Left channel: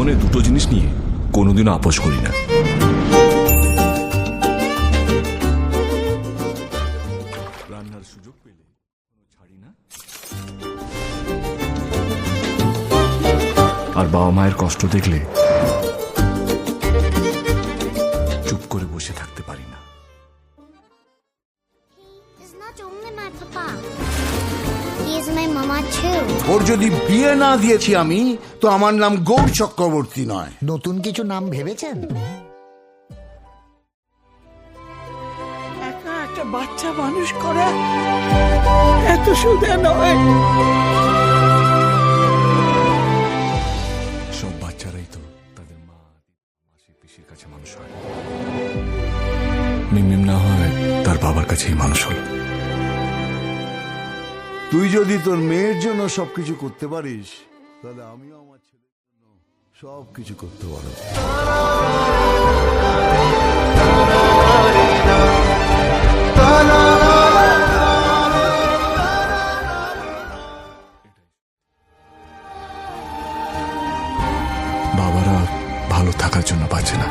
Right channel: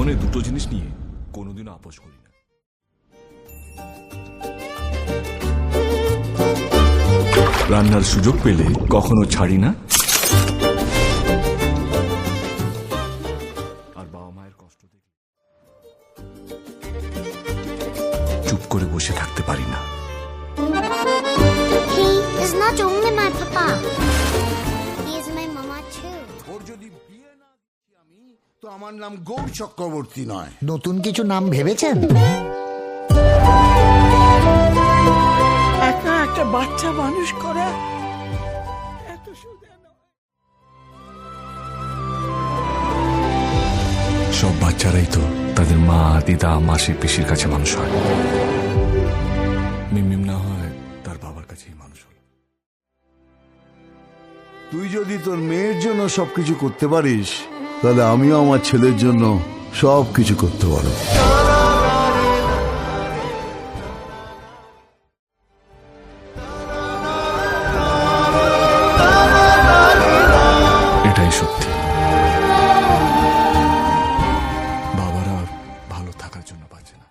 জীবনে দুটো জিনিস নিয়ে কোনোদিনও আপোষ করি না। রান্নার সুযোগ পেলে কখনো ছাড়ি না, আর বাবা মায়ের কষ্ট দেখলে চুপ করে বসে থাকতে পারি না। He is not only my papa. He is my mama too. ওর যদি বিয়ে না দিয়েছি আমি, তো আমার নাম গৌর চক্রবর্তী নয়। নতুন কিছু নাম ভেবেছেন? একা একটা বাচ্চা মানুষ করা এত সোজা নয়। সব বাচ্চারাই তো তাদের মা, দিদা, মাসি, পিসির কাছে মানুষ হয়। মিমিম না হয় তার বাবার কাছেই মানুষ হল। তুই যদি তোর মেয়ের জন্য সবকিছু করতে পারিস, তাহলে আমিও আমার ছেলের জন্য সবকিছু করতে পারবো। এটাই সত্যি। বাবারা ভালো থাকার জন্য বাঁচে না,